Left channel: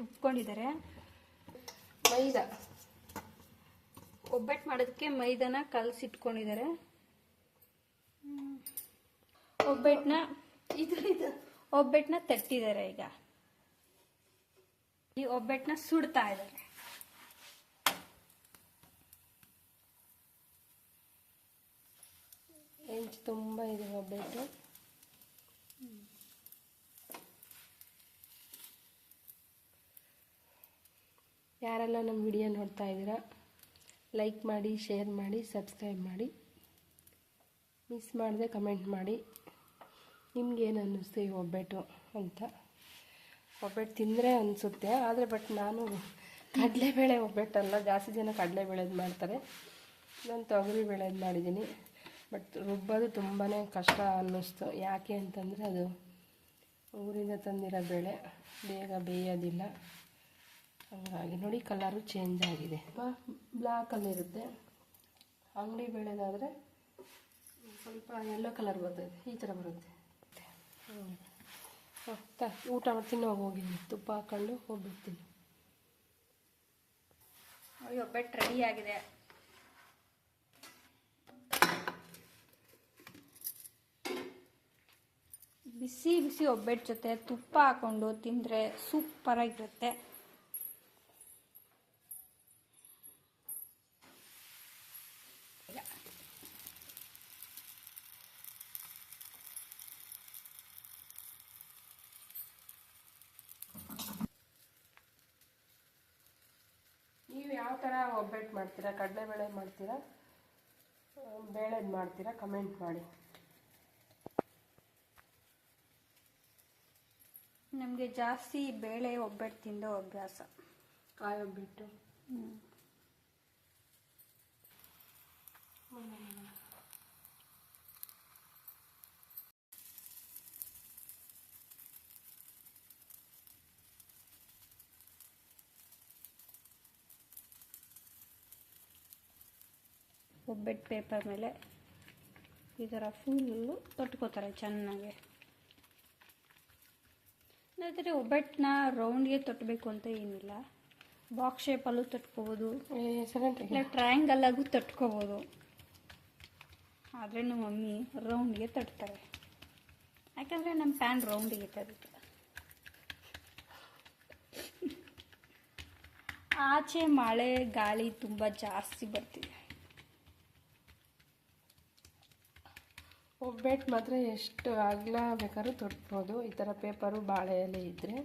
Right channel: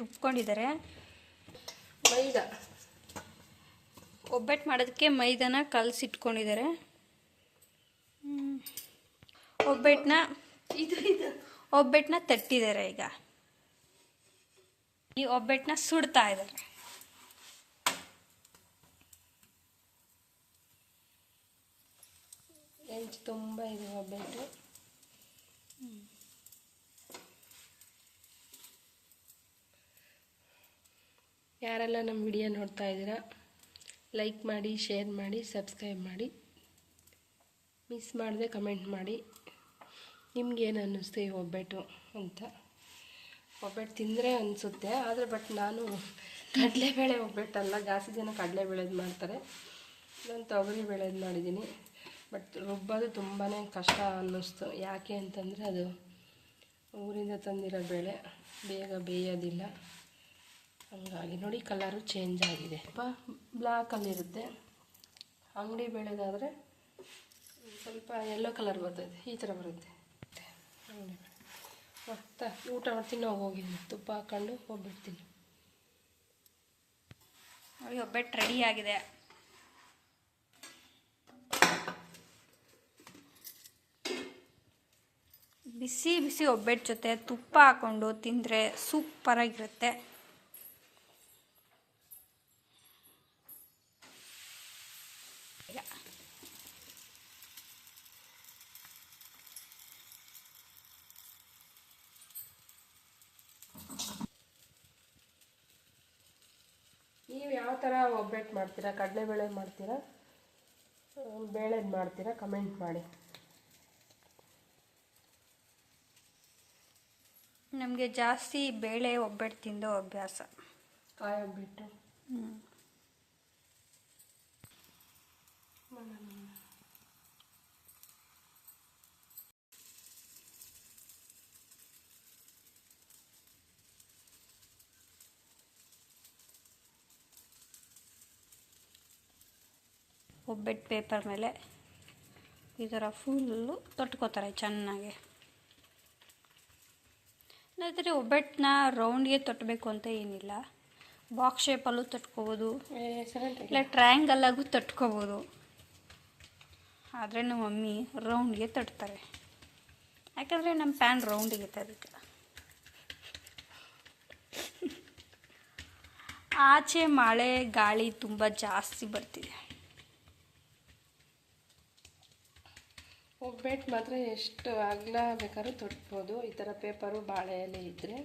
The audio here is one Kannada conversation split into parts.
ರುಬ್ಕೊಂಡಿದ್ದಾರೆ. ಮೈದಾ ಒಬ್ಬಟ್ಟು ಮಾಡೋದಕ್ಕೆ ಮೈದಾನ ಕಲಸಿಟ್ಕೊಂಡಿದ್ದಾರೆ. ಒಬ್ಬಟ್ಟನ್ನ ತಟ್ಟಿದ್ದಾರೆ. ಈಗ ಈ ಒಬ್ಬಟ್ಟನ್ನ ಸುಡ್ತಾ ಇದ್ದಾರೆ. ಹೆಂಚು ತುಂಬ ಇದೆ ಒಬ್ಬಟ್ಟು. ಯಾರೆಲ್ಲ ನಮ್ಮ ವಿಡಿಯೋ ನೋಡ್ತಾ ಇದ್ದೀರಾ, ಲೈಕ್ ಮಾಡಿ, ಶೇರ್ ಮಾಡಿ, ಸಬ್ಸ್ಕ್ರೈಬ್ ಮಾಡಿ. ಮಿಸ್ ಮಾಡದೆ ಕಮೆಂಟ್ ಮಾಡಿ ನಿಮ್ಗೇನು ಅನ್ನಿಸ್ತು ಈ ಒಬ್ಬಟ್ಟು ಅಂತ. ಒಬ್ಬಟ್ಟು ತಿಂದರೆ ಅನಿಸುತ್ತೆ, ಆದರೆ ಬಟ್ ನಾನು ಕಡಲೆಬೇಳೆ ಒಬ್ಬಟ್ಟಲ್ಲ, ಜಾಸ್ತಿ ಜನ ಕಡಲೆಬೇಳೆದು ಮಾಡ್ತಾರೆ. ನಾನು ತೊಗರಿ ಬೇಳೆದು ಮಾಡಿದ್ದೀನಿ. ಬಟ್ ರುಬ್ಬೋದು ತುಂಬಾ ಕಷ್ಟ ಅನ್ನಿಸ್ತು. ಯಾಕೆ ಅಂತಂದರೆ ಅದು ಊರಿಂದ ತಂದಿರೋ ಬೇಳೆ ಬೇಗ ಬೇಯೋದಿಲ್ಲ. ಹಾಗಾಗಿ ನೋಡಿ ಕಲರು ಚೇಂಜ್ ಆಗಿದೆ. ಬ್ಲ್ಯಾಕಲ್ಲಿರುತ್ತೆ. ಅಂಗಡಿ ಬೇಳೆದಾದರೆ ಸ್ವಲ್ಪ ಯೆಲ್ಲೋ ಕಲರ್ ಬರ್ತದೆ, ಈ ಥರ ಬರುತ್ತೆ. ಊಟ ಮಾಡ್ತೀನಿ, ಹೋಗಿದ್ದೀನಿ, ತುಪ್ಪ ಹಾಕ್ಕೊಂಡು ಹೋಗ್ಬಿಡ್ತೀನಿ. ನೋಡಿ ಒಬ್ಬಟ್ಟು ರೆಡಿ ಆಗಿದೆ. ಬಿಸಿ ಬಿಸಿ ಒಬ್ಬಟ್ಟು ಜೊತೆ ತುಪ್ಪ ಹಾಕ್ಕೊಂಡು ತಿಂದರೆ ಸೂಪರಾಗಿರುತ್ತೆ. ನೀವು ಯಾವ ಥರ ಒಬ್ಬಟ್ಟು ಮಾಡ್ತೀರಾ? ಕಡಲೆಬೇಳೆ ಮಾಡ್ತೀರಾ, ಬೇಳೆದು ಮಾಡ್ತೀರಾ? ಕಮೆಂಟ್ ಮಾಡಿ. ನಮಗೆ ಜಾಸ್ತಿ ಬೇಳೆ ಒಬ್ಬಟ್ಟು ತಿಂದು ಅಭ್ಯಾಸ. ಕಾಯಿ ಒಬ್ಬಟ್ಟು. ಒಬ್ಬಟ್ಟು ಪೇಪರ್ ಮೇಲೆ ಈ ಥರ ಫುಲ್ಲು ತೊಟ್ಕೋತಾರೆ ಚೆನ್ನಾಗಿ. ಆದರೆ ಒಬ್ಬಟ್ಟನ್ನ ರೌಂಡ್ಗೆ ತೊಟ್ಟಬೇಕು ಅಂತ ಏನಿಲ್ಲ, ಬಾಕ್ಸ್ ಶೇಪಲ್ಲೂ ತೊಟ್ಕೋಬೋದು, ಇಲ್ಲ ಟ್ರಯಾಂಗಲ್ಲಾಗೂ ತೊಟ್ಕೋಬೋದು. ಆದರೆ ನಮ್ಮ ಮಮ್ಮಿ ರೌಂಡ್ಗೆ ತಟ್ತಾರೆ, ಯಾಕಂದರೆ ನಮ್ಮ ಪ್ಯಾನ್ ರೌಂಡಿಗೆ ಅದಕ್ಕೆ. ಆಚೆ ಮಳೆ ಗಾಳಿ ತುಂಬ ಜಾಸ್ತಿ ಬರ್ತಿದೆ. ಒಬ್ಬಟ್ಟು ಮಾತ್ರ ಎಷ್ಟು ಅಗಲ ಬೇಕಾದ್ರೂ ತೊಟ್ಬೋದು. ಈ ಥರ ಪೇಪರು ಬಾಳೆ ಎಲೆ ಇದ್ದರೆ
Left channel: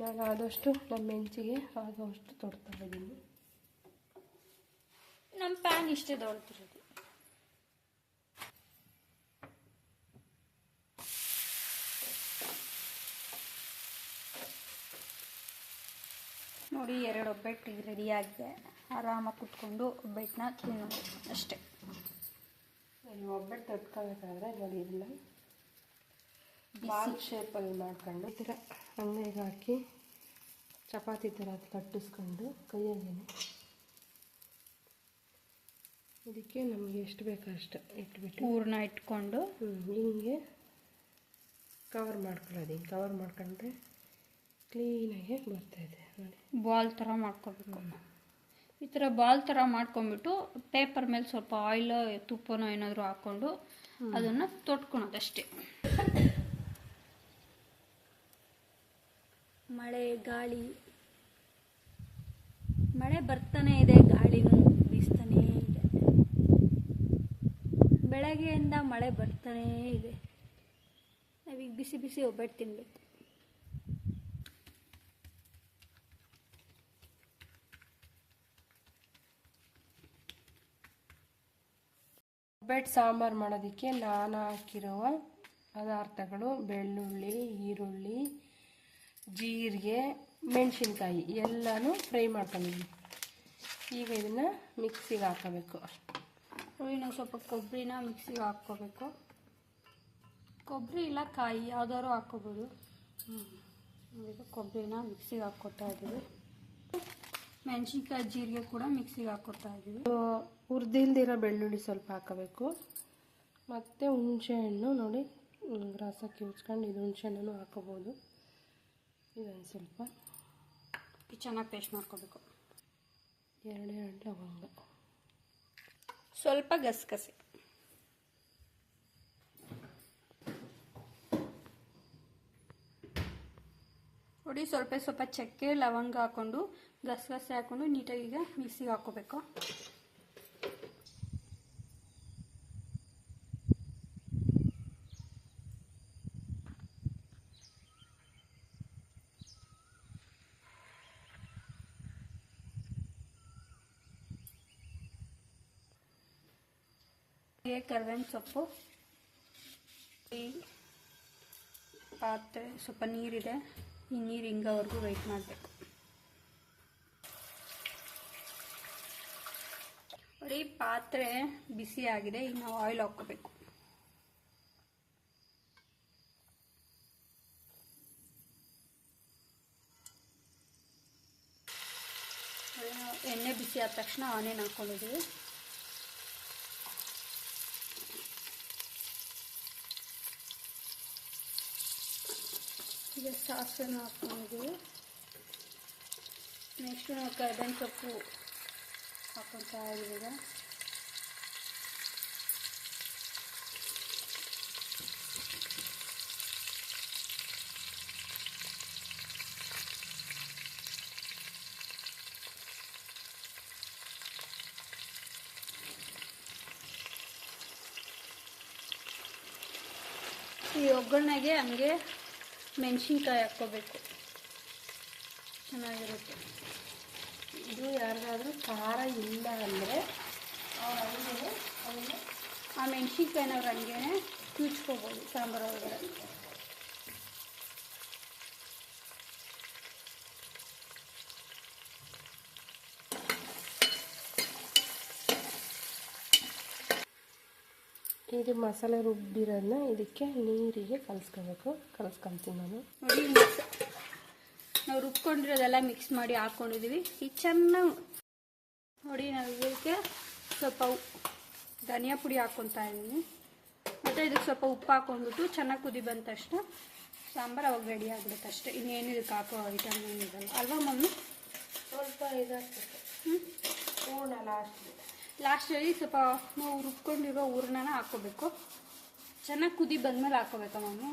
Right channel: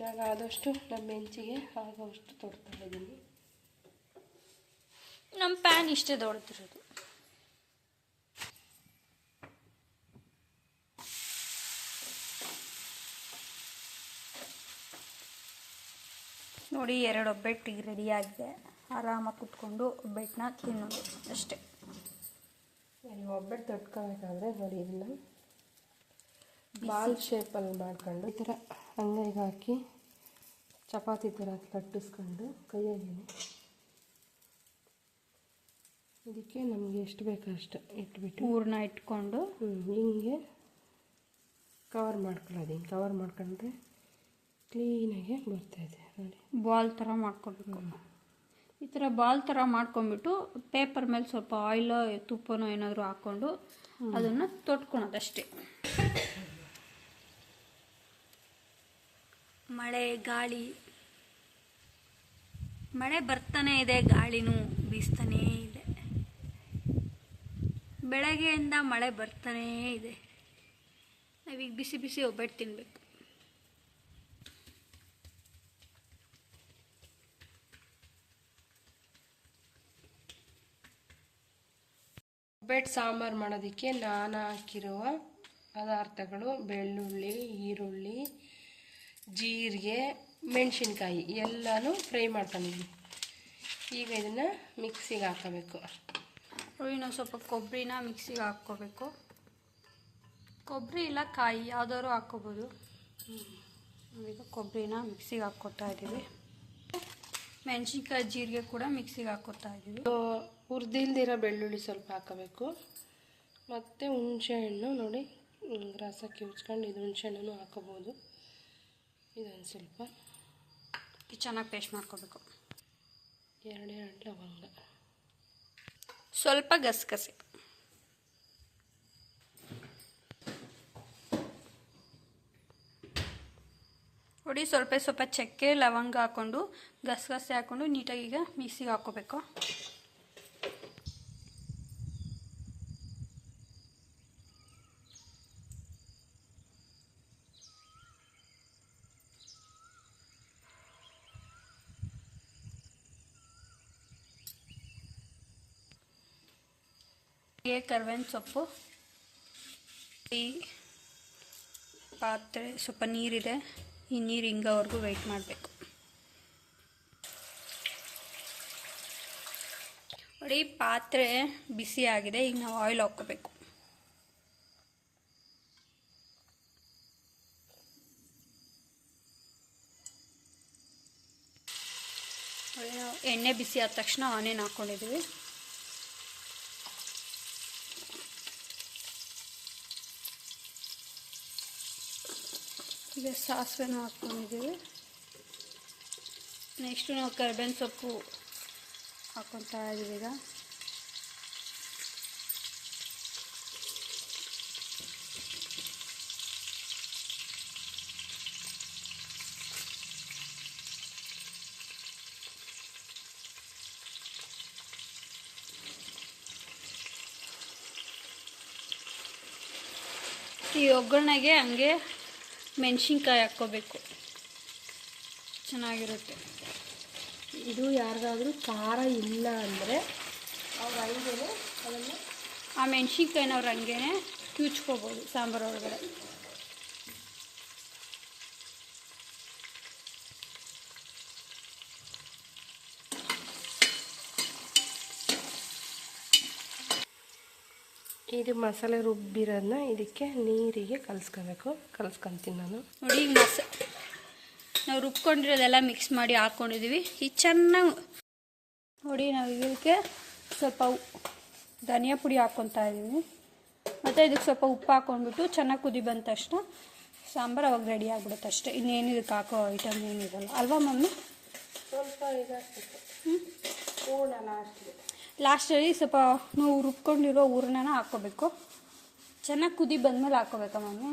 ನಾನು ಆದಷ್ಟು ನಮ್ಮ ಹೆಂಚಿಗೆ ಆಗೋಷ್ಟು ತೊಡ್ತಾ ಇದ್ದೀನಿ. ನಮ್ಮ ಪ್ಯಾನ್ ಇಷ್ಟೇ ದೊಡ್ಡದಿರೋದು. ನೋಡಿ 2 ಒಬ್ಬಟ್ಟಿಗೆ ರೆಡಿಯಾಗಿದೆ. ಆರಾಮಾಗಿ ಕುತ್ಕೊಂಡು ಒಬ್ಬಟ್ಟನ್ನ ತಿನ್ನೋದು ಅಷ್ಟೇ. ನೋಡಿ ಒಬ್ಬಟ್ಟು ತೊಟ್ಕೋಬೇಕಾದ್ರೆ ನೋಡಿ ಇದನ್ನು ಬಾಲ್ ಶೇಪಲ್ಲಿ ಮಾಡ್ಕೊಂಡು ಈ ಥರ ಅಂಗೈಗೆ ಹಾಕಿ ಚಪಾತಿ ಥರ ತಟ್ಟಿಸ್ಕೊಂಡು ಕೈಯಾಗೇನೆ ಇದಕ್ಕೆ ನಮಗೆ ಎಷ್ಟು ಬೇಕೋ ಅಷ್ಟು ಇಟ್ಬಿಟ್ಟು ಹೂರಣ ಇಟ್ಕೊಂಡು ಹಿಂಗೆ ಕವರ್ ಮಾಡ್ಕೊಳ್ಳೋದು. ಹಿಂಗೆ ಕವರ್ ಮಾಡ್ಕೊಂಡ್ರೆ ಕ್ಲೀನಾಗಿ ಬರ್ತಾಯಿದೆ ನೋಡಿ. ಬಾಲ್ ಥರ ಮಾಡ್ಕೊಬೇಕು. ಈ ಥರ ಬಾಲ್ ಥರ ಮಾಡ್ಕೊಂಬಿಟ್ಟು ಪೇಪರ್ ಮೇಲೆ ಸ್ವಲ್ಪ ಆಯಿಲ್ ತುಪ್ಪನೋ ಏನಾದರೂ ಹಾಕ್ಕೊಂಡು ಅದನ್ನು ತೊಟ್ಕೊಳೋದಷ್ಟೇ. ಮಳೆ ಗಾಳಿ, ಮಳೆ ಬರ್ತಾನೇ ಇದೆ, ಗಾಳಿನೂ ಬೀಸ್ತಾನೇ ಇದೆ. ಬೆಳಗ್ಗೆಯಿಂದ ಮಳೆ ಬರ್ತಾನೇ ಇದೆ. ನಾವೀಗ ಬಿಸಿ ಬಿಸಿ ಒಬ್ಬಟ್ಟು ತಿನ್ನಬೇಕು. ಒಬ್ಬಟ್ಟು ಸಾಂಬಾರು ಮಾಡೋದಕ್ಕೆ ನಾನು ಹಾಕಿರುವ ಪದಾರ್ಥಗಳು ಬೆಳ್ಳುಳ್ಳಿ, ಈರುಳ್ಳಿ, ಜೀರಿಗೆ, ಮೆಣಸಿನ್ಕಾಯಿ ಎಲ್ಲನೂ ಫ್ರೈ ಮಾಡ್ಕೊಂಡಿದ್ದೀನಿ. ಈಗ ಇದನ್ನು ಮಿಕ್ಸಿಗೆ ಹಾಕೋಬೇಕು. ನಾವು ಸ್ವಲ್ಪ ಕೊಬ್ಬರಿನ ಮಿಕ್ಸಿಗೆ ಹಾಕ್ಕೋಬೇಕು. ಕೊಬ್ಬರಿ ಇಲ್ಲ ಕಾಯಿ ಯಾವ್ದಾದ್ರು ಹಾಕ್ಕೋಬೋದು. ಈಗ ಕೊಬ್ಬರಿನ ಮಿಕ್ಸಿಗೆ ಹಾಕ್ಕೊತಾ ಇದ್ದೀವಿ. ಮೆಣಸಿನ್ಕಾಯಿ, ಜೀರಿಗೆ ಕೂಡ ಮಿಕ್ಸಿಗೆ ಹಾಕ್ಕೊತಾ ಇದ್ದೀವಿ. ಹುರಿದಿಲ್ದಿರೋ ಬೆಳ್ಳುಳ್ಳಿ ಸ್ವಲ್ಪ ಹಾಕಬೇಕು. ಮತ್ತು ಹುಣಸೆಹಣ್ಣು ನೋಡಿ ರಸ ಕಿವುಚ್ಕೊಂಡು ಇದು ಹುಣಸೆಹಣ್ಣು ಹಾಕೋಬೋದು. ಇದೊಂದು ಸ್ವಲ್ಪ ಚೆನ್ನಾಗಿ ಪೇಸ್ಟ್ ಮಾಡ್ಕೋಬೇಕು. 2 ಲವಂಗ, ಸ್ವಲ್ಪ ಗಸಗಸೆ, ನೋಡಿ ಸ್ವಲ್ಪ ಚಕ್ಕೆ ಲವಂಗ ಹಾಕ್ಕೊಂಡು ಗಸಗಸೆ ಹಾಕ್ಕೊಂಡು ನೀಟಾಗಿ ಈಗ ಮಿಕ್ಸಿಗೆ ಹಾಕ್ಕೋಬೇಕು. ಕರ್ಬೇವಿನ ಸೊಪ್ಪು, ಈ ಪಾತ್ರೆ ಸ್ವಲ್ಪ ನೀರಿದೆ, ಈ ನೀರು ಹಿಂಗೋವರೆಗೂ ವೆಯ್ಟ್ ಮಾಡಬೇಕು. ನೋಡಿ ಪಾತ್ರೆ ಬಿಸಿ ಆಗಿದೆ, ಈಗ ನಾವು ಆಯಿಲ್ ಹಾಕ್ಕೋಬೇಕು. ಎಣ್ಣೆ ಬಿಸಿ ಆದ ತಕ್ಷಣ ಆನಿಯನ್ ಹಾಕ್ಕೊಂಡಿದ್ದೀವಿ. ಈಗ ಸಾಸಿವೆನ ಹಾಕ್ಕೊಂಡಿದ್ದೀವಿ. ನೆಕ್ಸ್ಟು ನಾವು ಕರಿಬೇವಿನ ಸೊಪ್ಪು ಹಾಕ್ಕೊತಾ ಇದ್ದೀವಿ. ಈಗ ಈ ಒಗ್ಗರಣೆಗೆ ಹಂಗೆ ಮೆಣಸಿನ್ಕಾಯಿ ಹಾಕ್ಕೋಬೇಕು, ಚೆನ್ನಾಗಿರುತ್ತೆ. ಇದು ಯಾರಿಗಾದ್ರೂ ಖಾರ ಇಲ್ಲ ಅಂದರೆ ಅವ್ರು ಹಂಗೇ ಅದನ್ನು ಆ ಮೆಣಸಿನ್ಕಾಯಿನ ಅವ್ರು ಹಂಗೇ ಕ್ಯೂಚ್ಕೋಬೋದು ಸಾಂಬಾರು ಒಳಗಡೆ. ಇದು ಮಸಾಲೆ ರುಬ್ಬಿರೋದನ್ನ ಇದಕ್ಕೆ ನೀರಿಗೆ ಕಲಿಸ್ಕೊತೀನಿ ನಾನು. ನೋಡಿ ಈಗ ನಾವು ರುಬ್ಕೊಂಡಿರೋದೆಲ್ಲ ಮಿಕ್ಸ್ ಮಾಡಿ ಹಾಕ್ಕೊಂಡಿದ್ದೀವಿ. ಈಗ ಚೆನ್ನಾಗಿ ನೋಡಿ ನಾವು ಇದಕ್ಕೆ ಸ್ವಲ್ಪ ಧನಿಯಾ ಪುಡಿ ಹಾಕ್ಕೊತಾ ಇದ್ದೀವಿ. ಮತ್ತು ಇದಕ್ಕೆ ಸ್ವಲ್ಪ ಉಪ್ಪು ಹಾಕ್ಕೊಂಡ್ಬಿಟ್ಟು ಚೆನ್ನಾಗಿ ಕುದಿ ಬಂದ ತಕ್ಷಣ ಸಾಂಬಾರು ಅವಾಗ ರೆಡಿ ಆಗಿಬಿಡುತ್ತೆ ಅಷ್ಟೇ. ಇನ್ನೇನು ಇದಕ್ಕೆ ಹಾಕೋ ಐಟಮ್ ಏನಿರಲ್ಲ ಅಲ್ವಾ ಮಮ್ಮಿ? ಲಾಸ್ಟಲ್ಲಿ ಸ್ವಲ್ಪ ನಾವು ರುಬ್ಕೊಂಡಿರೋ ಹೂರ್ಣನ ಹಾಕ್ಕೋಬೇಕು. ಚೆನ್ನಾಗಿ ಕುದಿ ಬಂದಮೇಲೆ ಹಾಕ್ಕೋಬೇಕಾ ಮಮ್ಮಿ?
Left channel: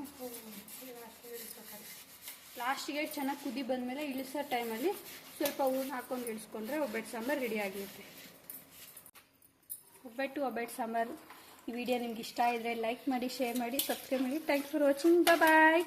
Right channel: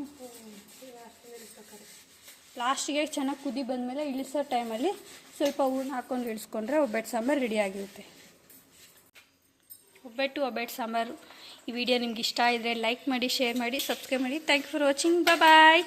ಲಾಸ್ಟಿಗೆ ಚೆನ್ನಾಗಿ ಕುದಿ ಬಂದಮೇಲೆ ಇಳಿಸೋ ಟೈಮಲ್ಲಿ ಸ್ವಲ್ಪ ಹೂರ್ಣ ಹಾಕ್ಕೊಂಡು ಇಳಿಸ್ಕೊಂಡ್ರೆ ಒಬ್ಬಟ್ಟು ಸಾಂಬಾರು ರೆಡಿ ಆಗಿರುತ್ತೆ. ಒಬ್ಬಟ್ಟು ಸಾಂಬಾರು ಈ ವಿಡಿಯೋ ನಿಮ್ಗೆ ಇಷ್ಟ ಆಗಿದ್ರೆ ಲೈಕ್ ಮಾಡಿ, ಶೇರ್ ಮಾಡಿ, ಸಬ್ಸ್ಕ್ರೈಬ್ ಮಾಡಿ. Thank you for watching. Bye.